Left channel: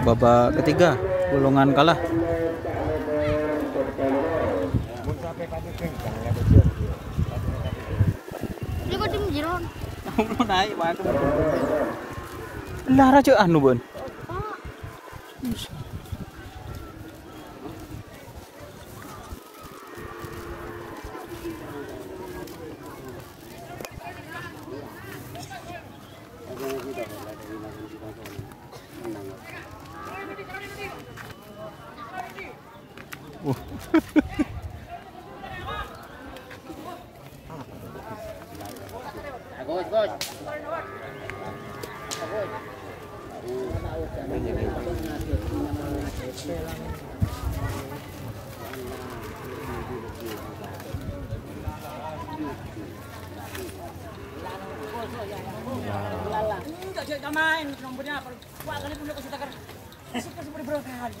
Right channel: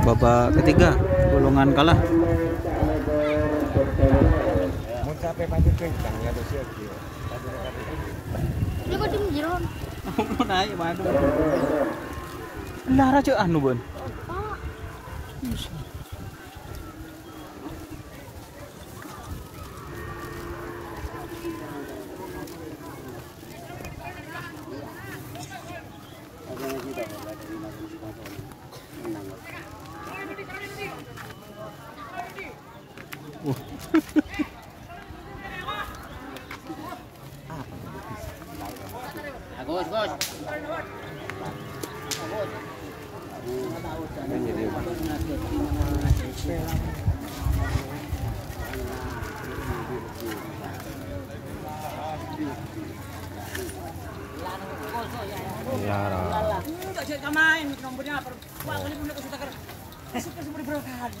babak ketiga golongan kalah. Lah raja anu Bun.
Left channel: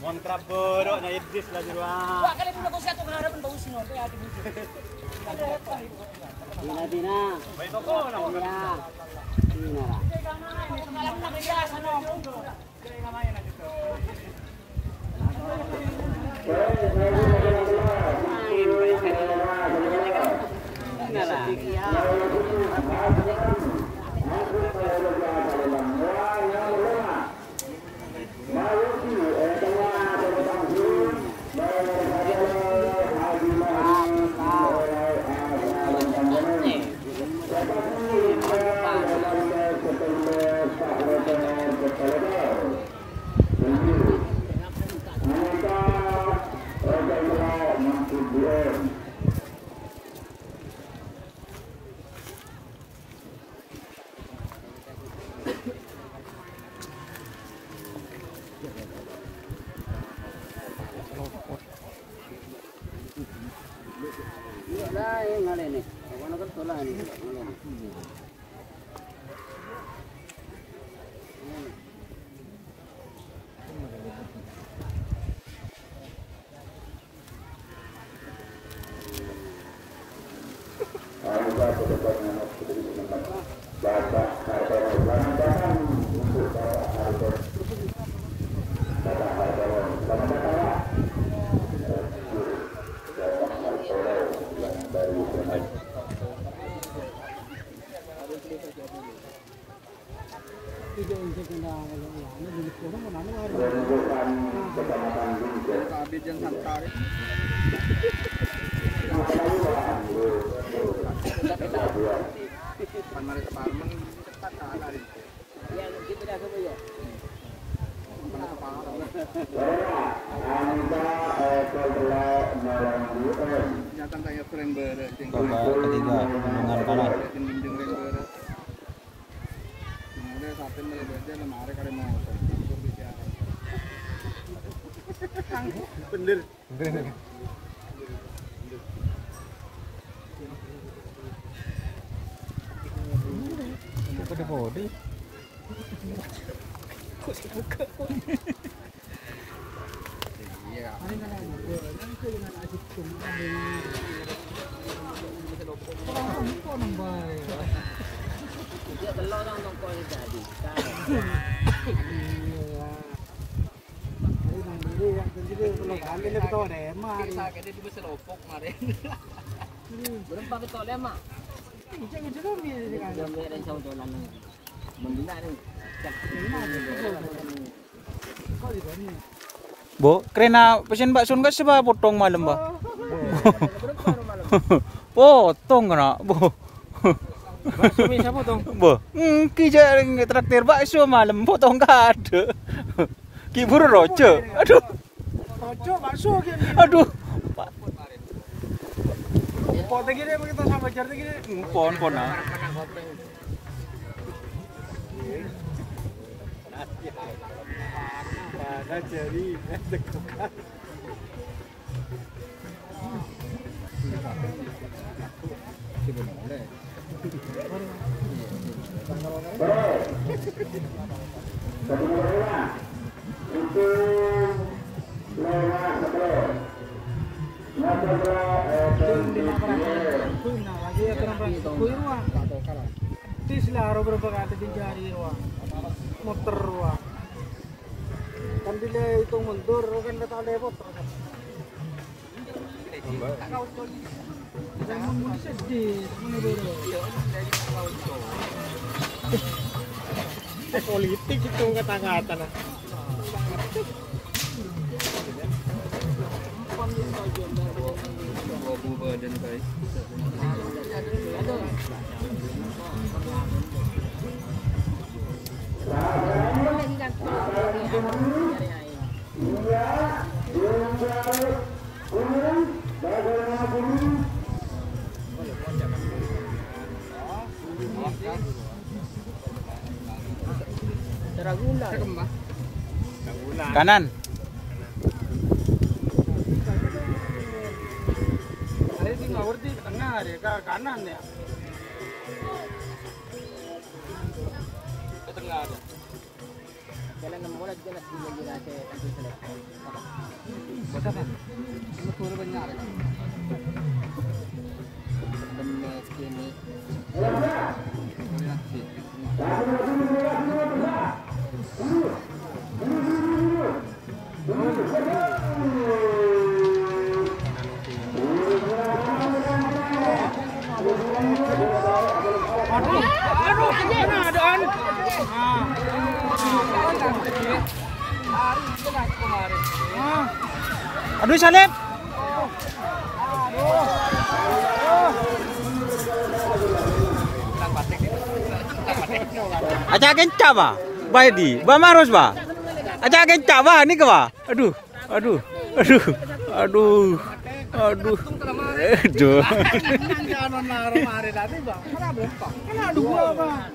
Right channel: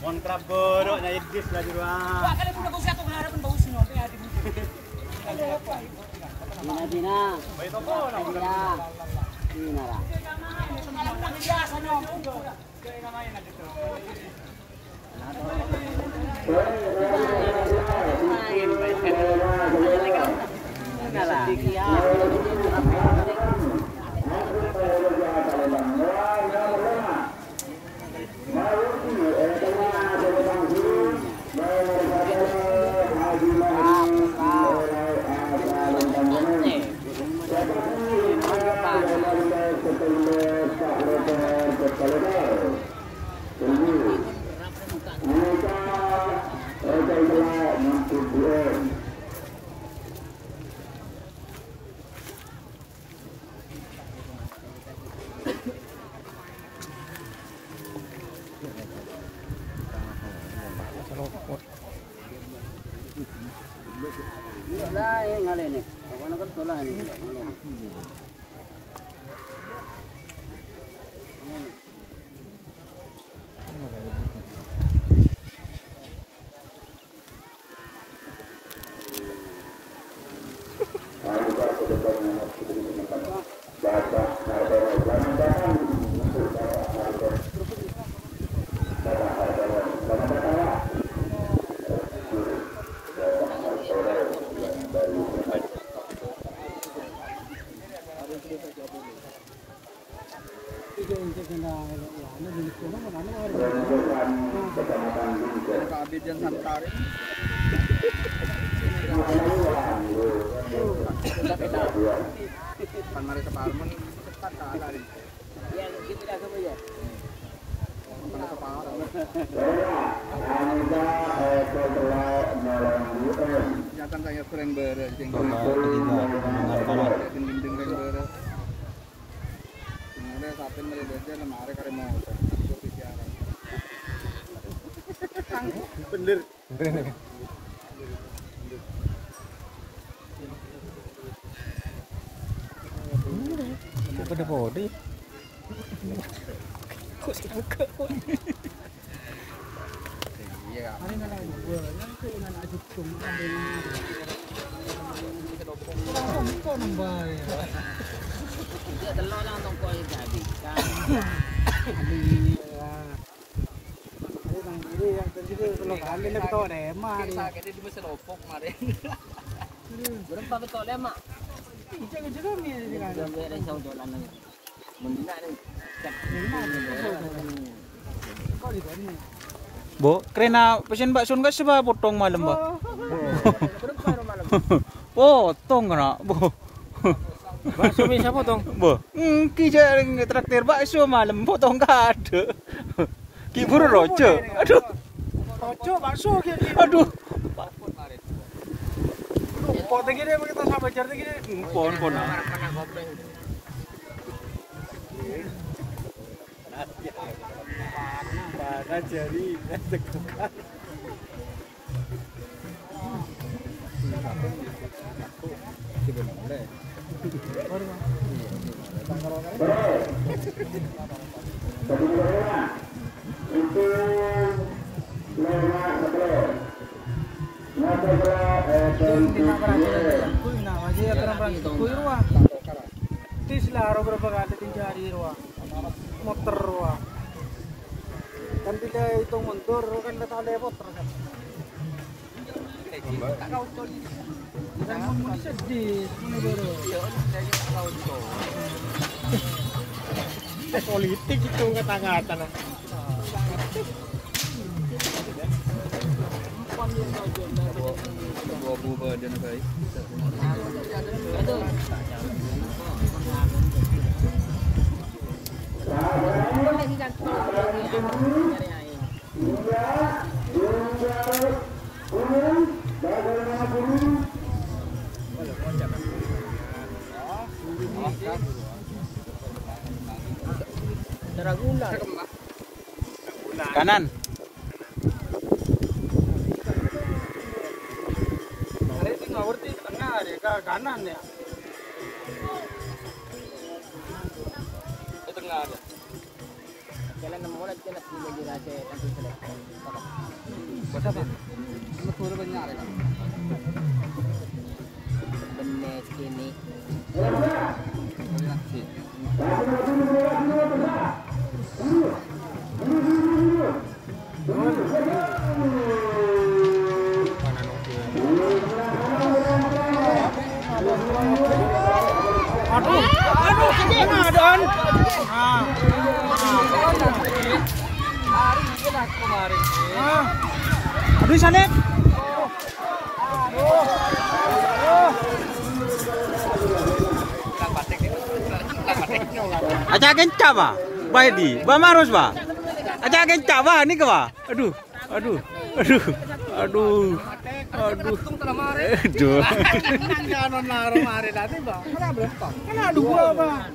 Kontrap borok na iblis lagi ruang. Wah, kali punya konsep harapan bau sino teh hati bujuk. Ada apa? Dina. Baik kok no. Dina. Dina. Lagi biasa no. Kayak ngamain aja tuh. Bener. Pada body. Kok sekarang ke? Iya. Bo, kerena pesen bakso enggak sebab potong malam, Ba. Potong kena, Bo. Bakso bisa potong. Bo, kija traktir bakso malam potong enggak ada. Ki buru rojo. Aduh. Rojo bakso gitu. Aduh. Kok tegene kita sama jar tegene. Pon. Jadi, tegukan. Kan bila itu mundur kan datang depot. Jangan mau disedih, politik itu kata-kata nah. Kanan. Kanan ya. Jalan nomor lagi jalan di Jogja Aduh Sanep. Aja kencang ba? Baidi, ba marus ba? Aja kencang ba ni ke ba? Aduh. Aduh. Aduh. Aduh. Aduh. Aduh. Jangan naruh-naruh tadi, Pak. Kenapa? Kena dua, Pak.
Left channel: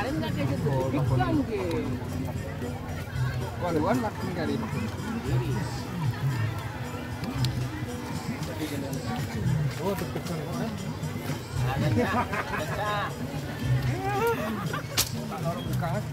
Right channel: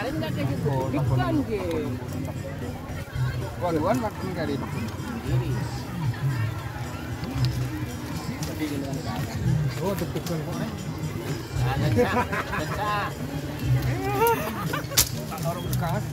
kemarin nggak kasih sedikit kan ke waluan makin kali oh betul orang bekas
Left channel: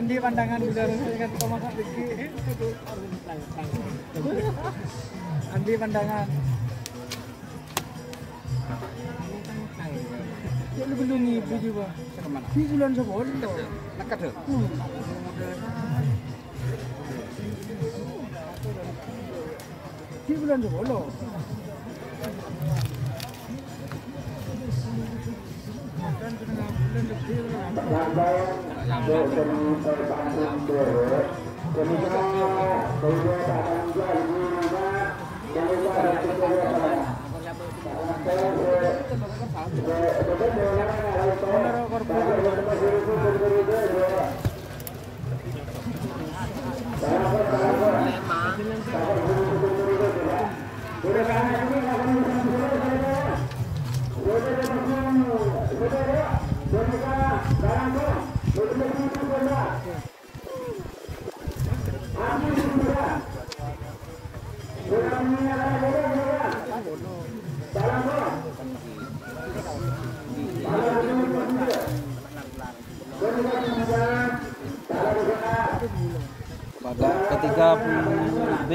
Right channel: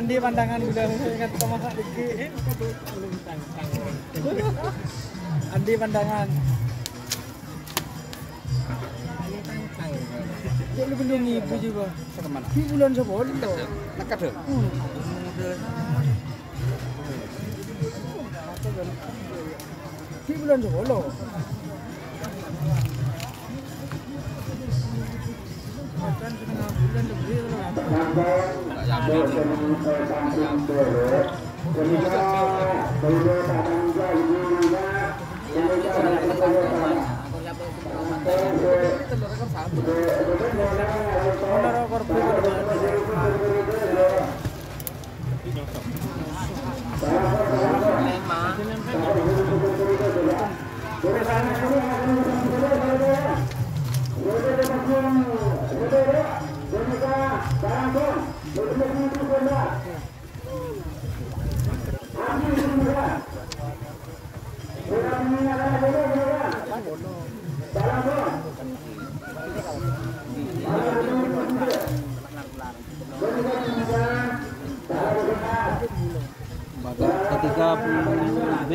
Andi pandangan udah kan sama Diki. Andi pandangan. Kok lu belum ibu juga? Di bulan 10 loh. Dekat tuh. Di bulan 10. Kan setengah bulan lebih lah. Ketiga B.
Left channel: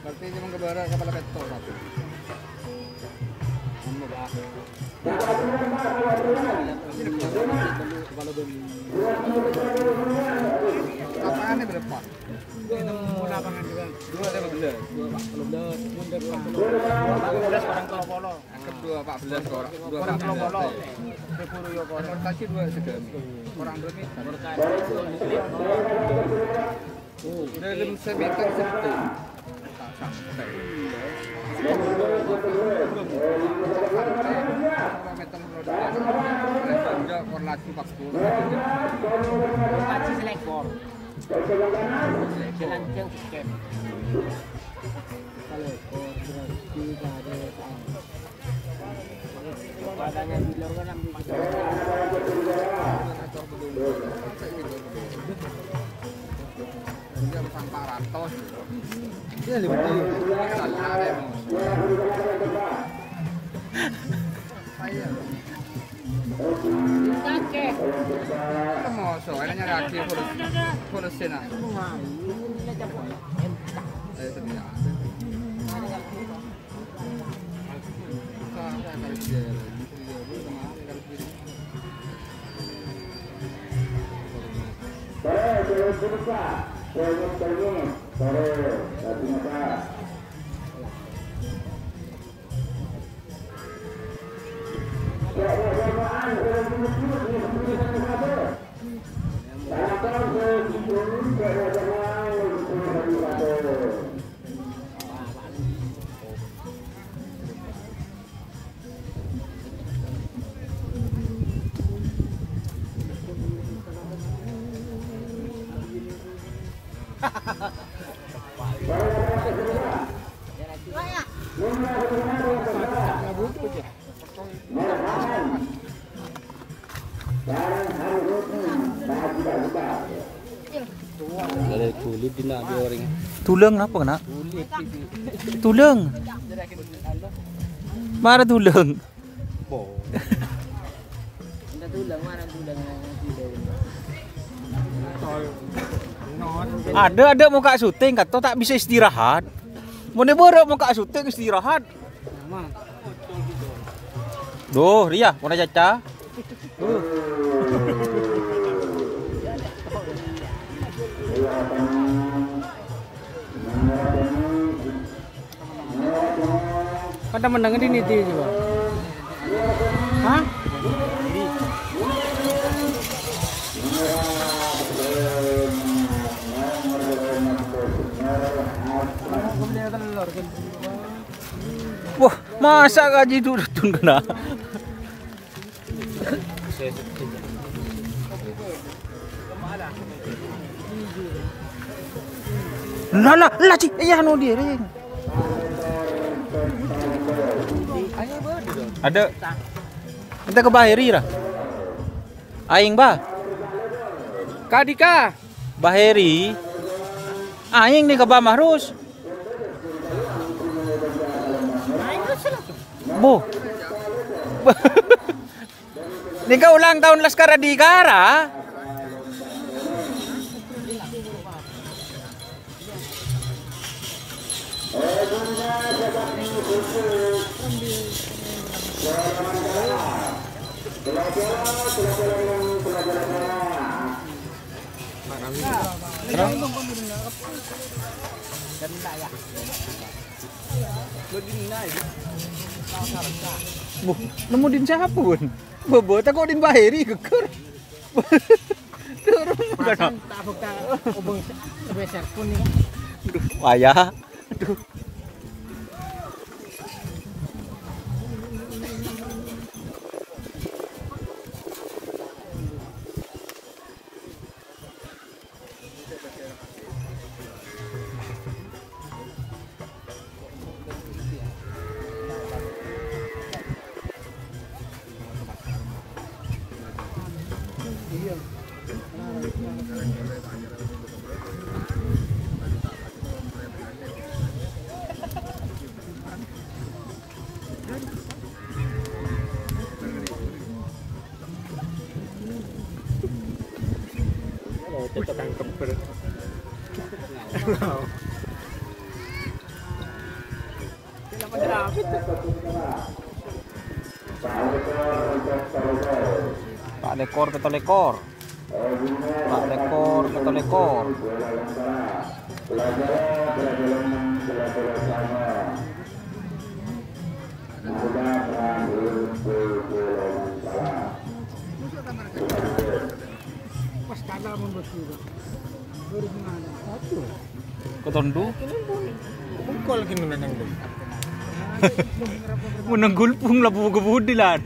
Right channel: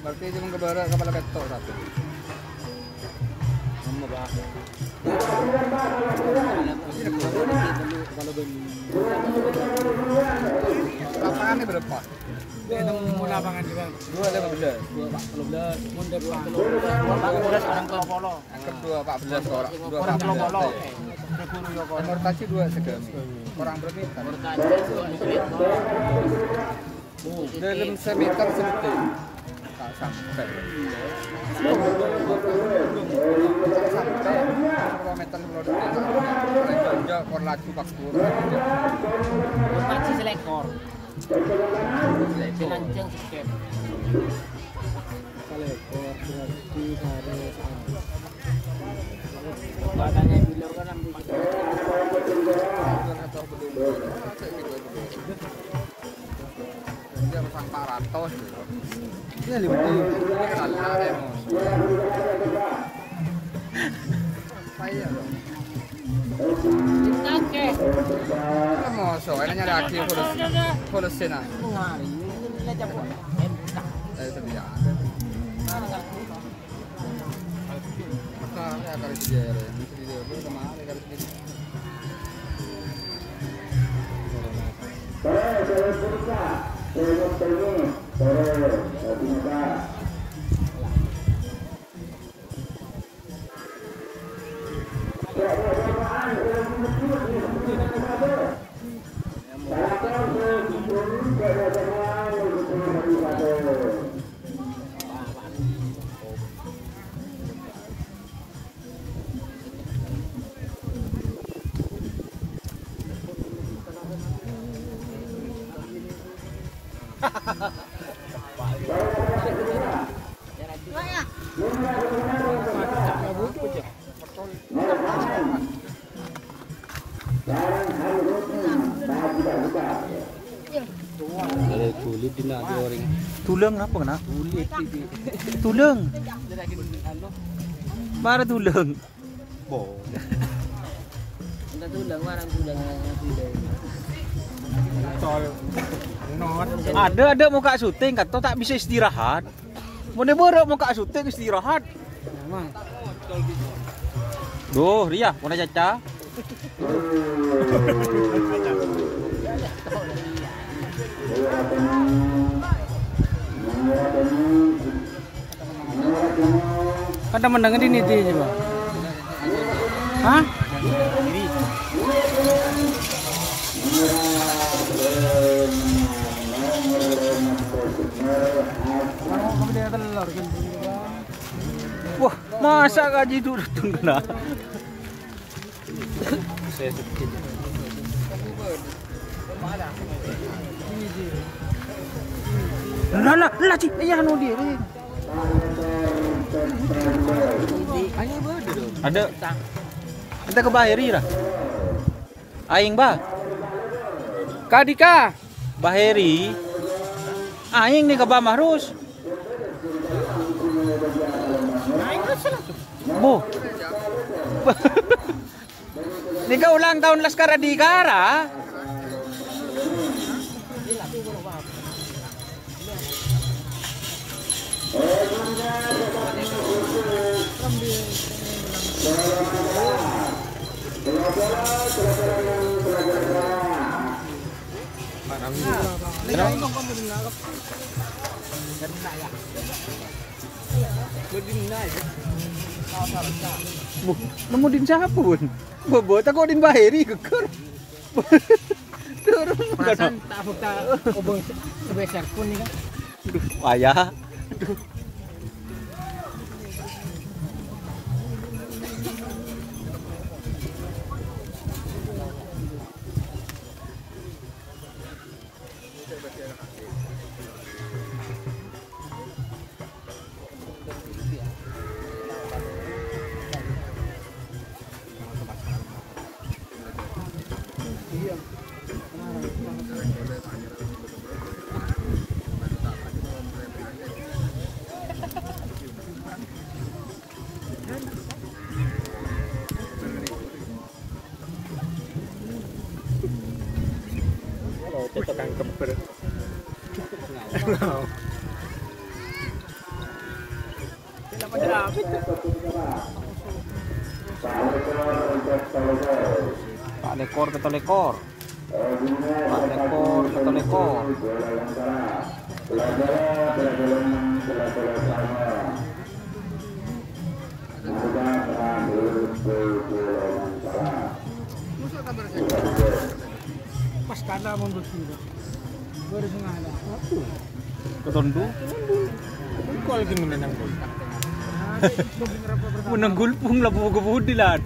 Berarti cuma kepala ketor. 14 orang, 214. Rotasi 2 segami. Orang berarti dalam semeter seperti sampai meter meter korlaju 40 Rotasi selekor. Lanceng sikep. Badannya di luar kan yang dia pasang 400 Dia lebih kakek. mau soalnya nyari akhir kurus sena saya sebenarnya agar dia kulit dina dia orang. Tulang apa kena? Tulang. Mana tulang? Bo. Tulang mana tulang. Ada muka syuting kata tak bisa istirahat. Mana borok muka syuting istirahat. Duh, Ria, mana caca? Ada mendengar ini dia coba. Hah? Wah, masa gaji itu kena? Lah, cik, iya no dia ring. Ada. Kita ke Baheri lah. Aing bah. Kadika. Baheri. Aing nih ke Bamahrus. Bu. Nika ulang tahun Laskar Adhikara. Nemu din siapa pun? Bobo tak kau din Baheri keker. Turun Perasaan tak fakta obong sebesar pun ni kan. Aduh, ayah. Aduh. kita tangkap ber. Tidak menderapit. Pak lekor kata lekor. Lekor kata lekor. Pas kada mundur kiri. Baru ada. Ketondu. Pukul gini nang. Punang gulpung lah buka-budi lah.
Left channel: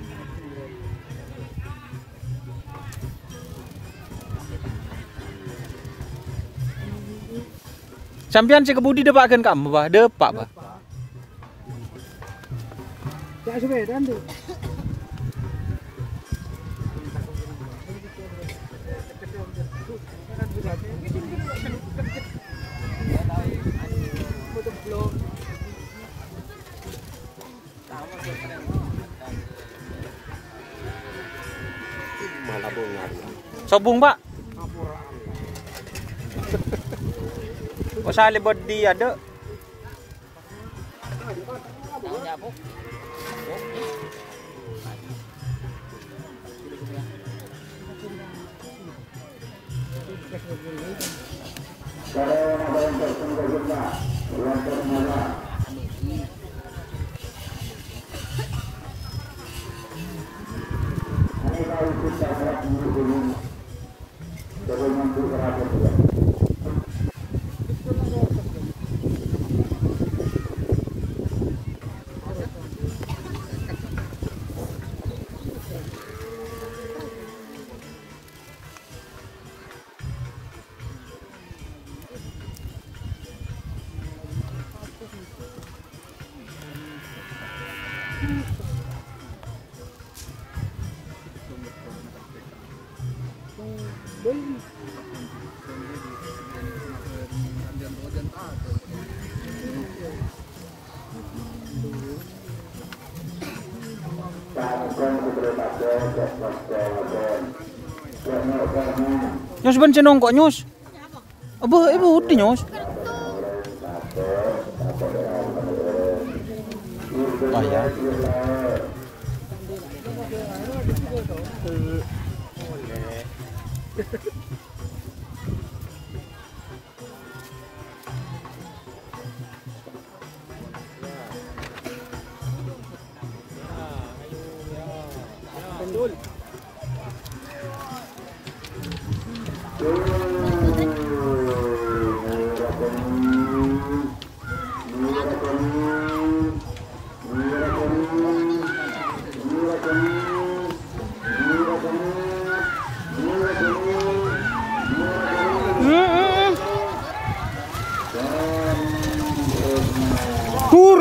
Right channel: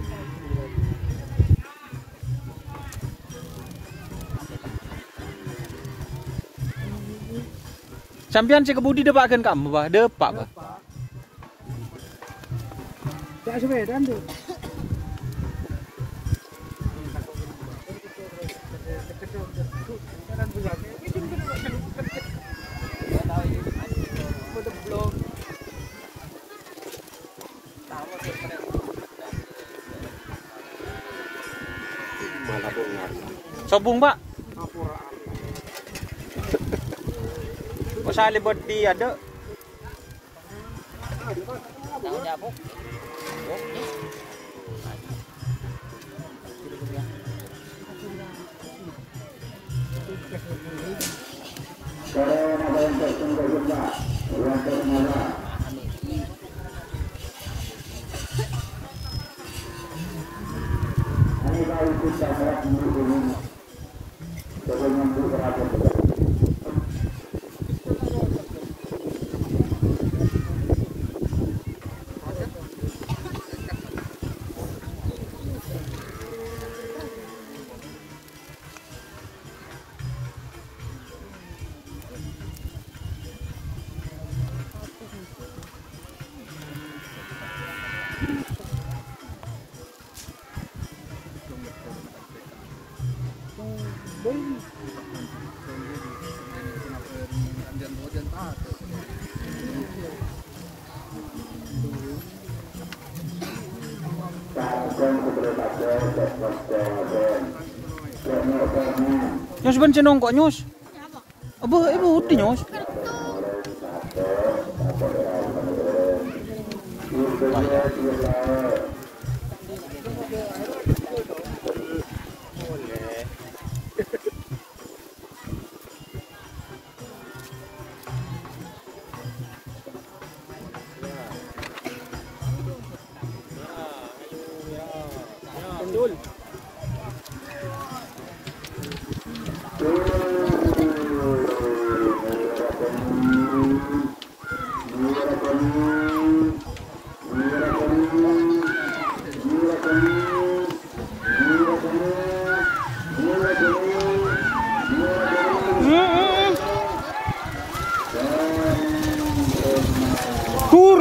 Sampian si kebudi depakan kamu bah, depak bah. Tak sebedan tu. Sobung pak. Pasal buat di ada. Nyos ben cenong kok nyos. Apa ibu uti nyos. Tur.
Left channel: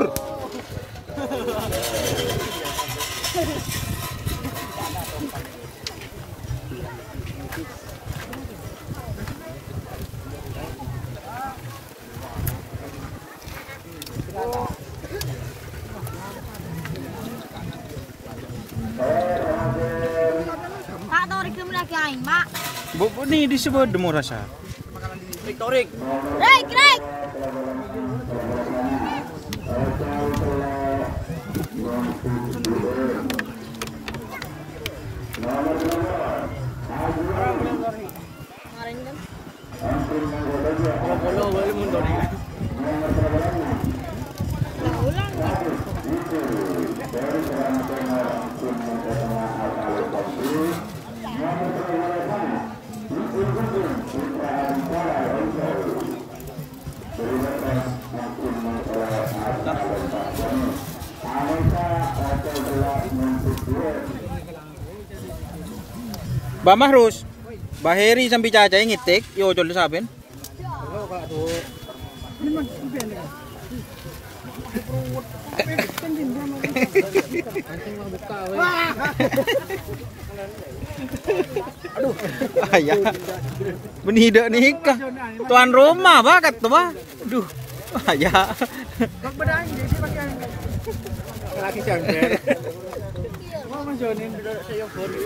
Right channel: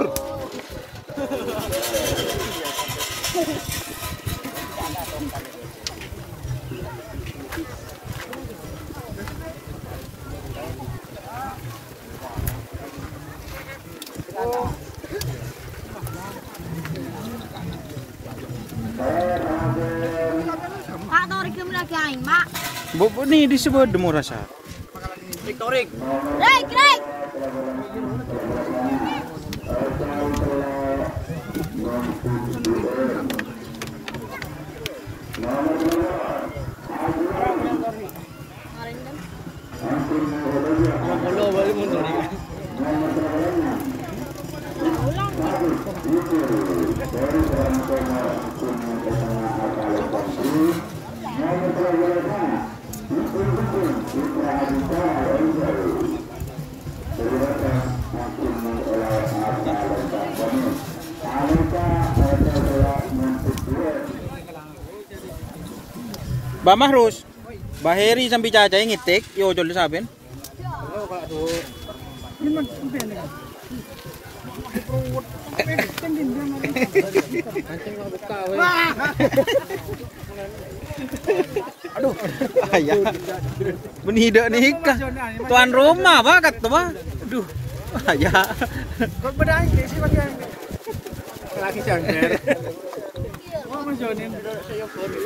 Pak Torik lagi aing, Mak. Bu ni disebut demo rasa. Torik. Rek, rek. Bolo balik mundur ya. Ba Mahrus. Baheri sampai caca ngitik yo jol saben. Kalau kalau tu. Ini mah impian kan. Kancing mah buka we. Aduh, Ya. Menida nikah. Tuan rumah bakat tuh bah. Aduh. Ya. berbedaan ini sih bagi yang lagi jangkir. Mana jonin bila saya baru.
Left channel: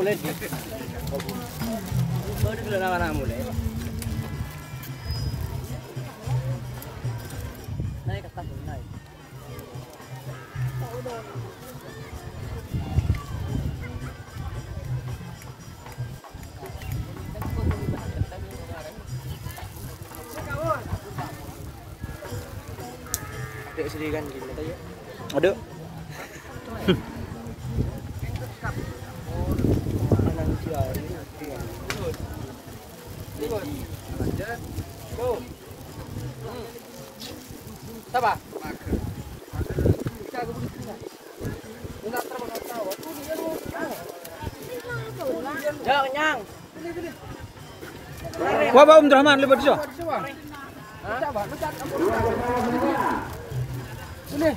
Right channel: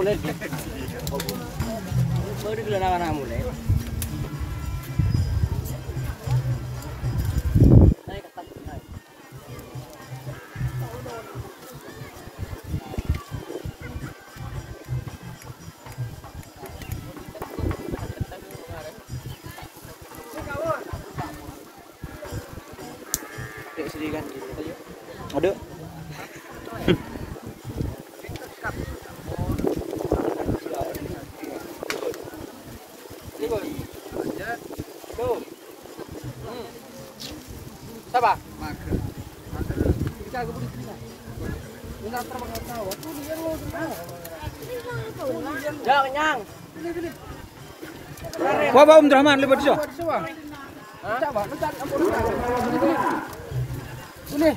mulai. Baru dulu nama mulai. Ada. Apa? Jaga budi kita. Benar terbang tahu. Tuh dia mau kemana? Jangan kenyang. Wah, Om Rahman lebat siapa? Coba, lu cari apa lu cari? Sini.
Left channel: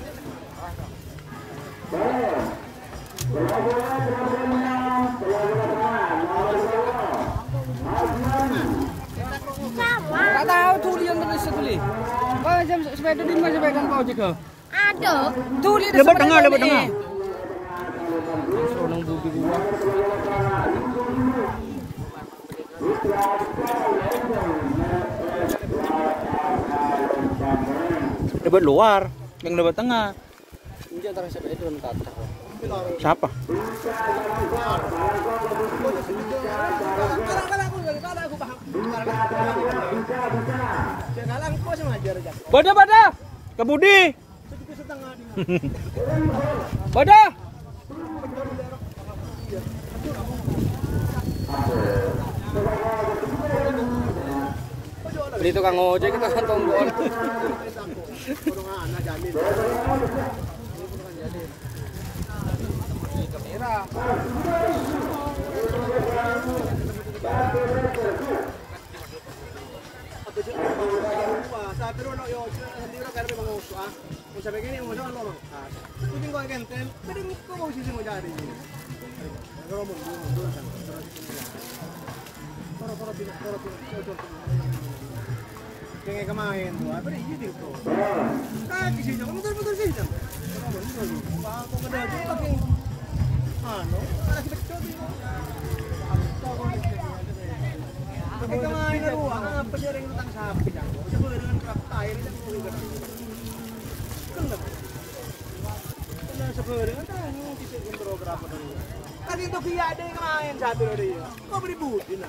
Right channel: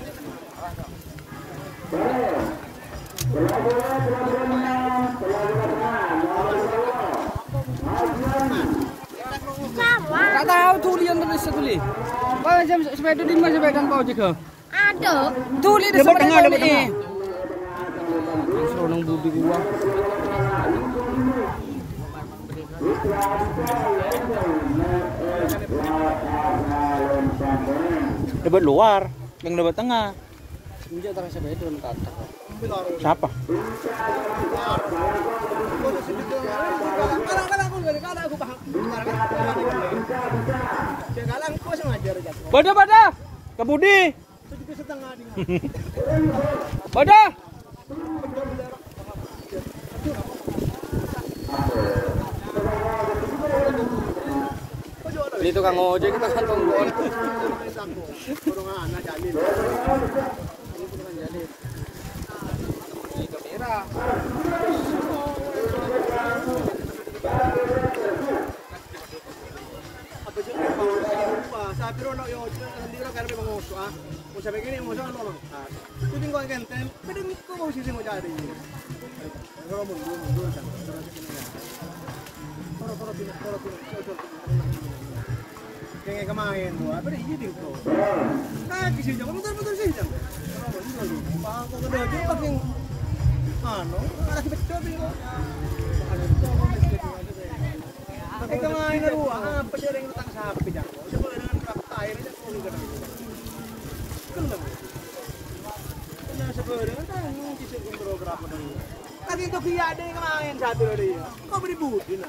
Tak tahu tulian terus tulis. Kau jam sepeda di mana sepeda kau juga? Ada. Tulis di Lebat tengah, lebat tengah. Seorang budi gua. Lebat luar, yang lebat tengah. Ini antara siapa itu entar. Siapa? Bada. Kebudi. Bada. Ini tukang ojek kita kantong gol. Kamera. Sabi ro no yo hindi ra karbe mangoso ah. Kung sabi gini mo sa ano. Kung ko agenten, pwede mo ko sisi mo jadi. Ngoro mo mundur kan. Toro. Jangan kemain tuh, apa ini jadi itu? Kayak kisi jangan muter sih jangan. Aku udah jadi pakai, lagi betul itu. Pakai kemain ruang, apa sih yang tentang sapi jangan? Coba dengan kapal air itu mau juga dong. Kenapa sebenarnya kan kisi umroh berapa dulu? Kan itu via ada yang main sapi ada ya. Kau beri budi lah.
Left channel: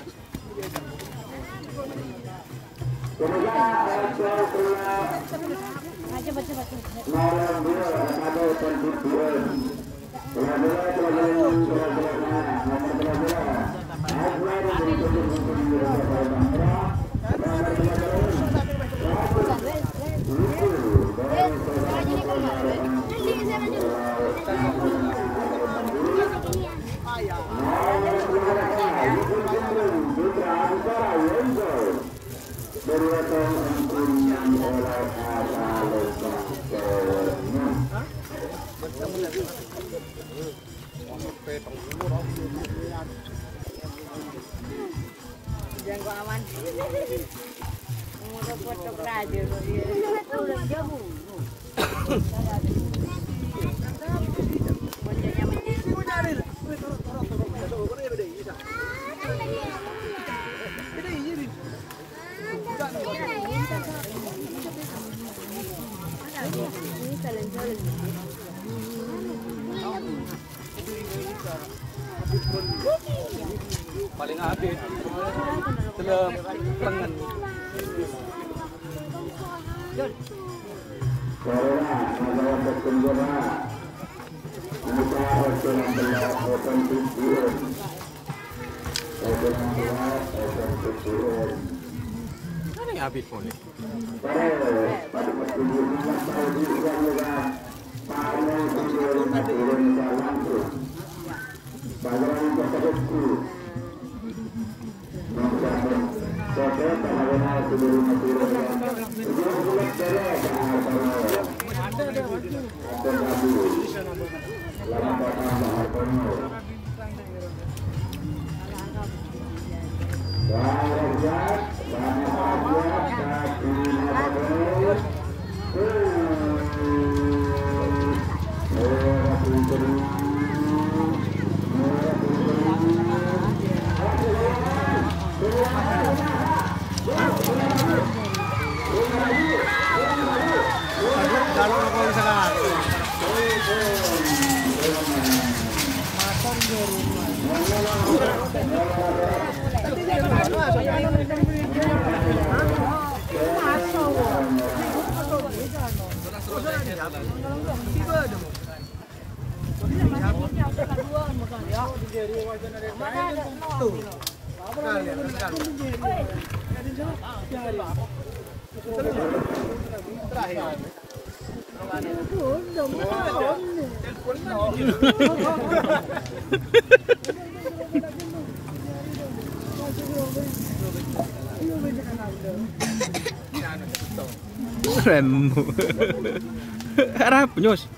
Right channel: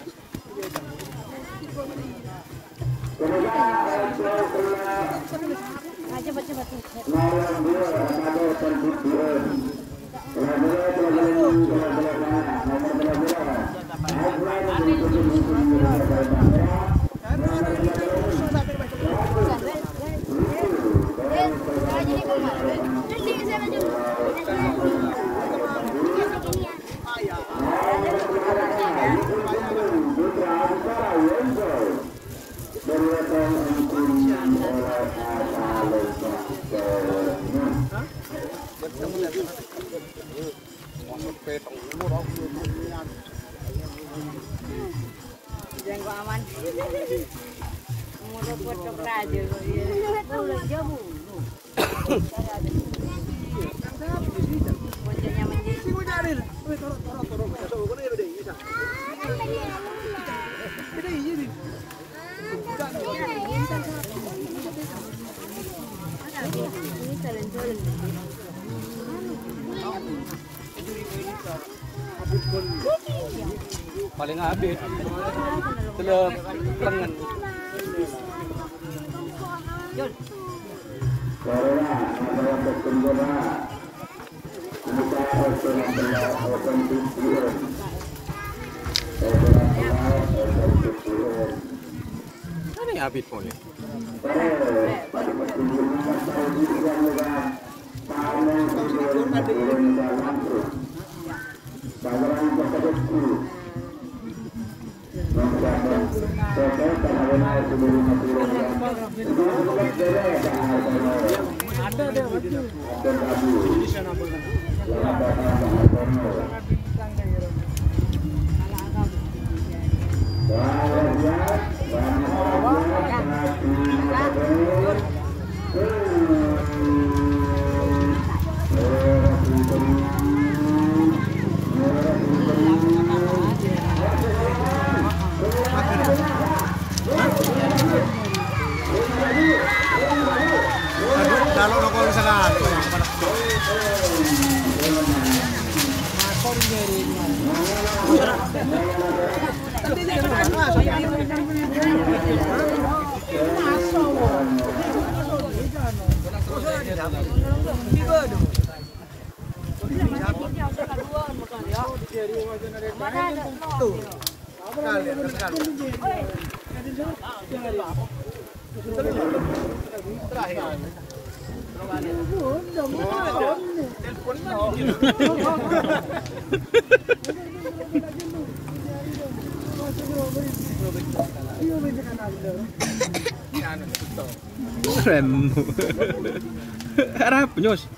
Paling habis telep lengan. Mana yang habis pun ni? Rem. Harap nyos.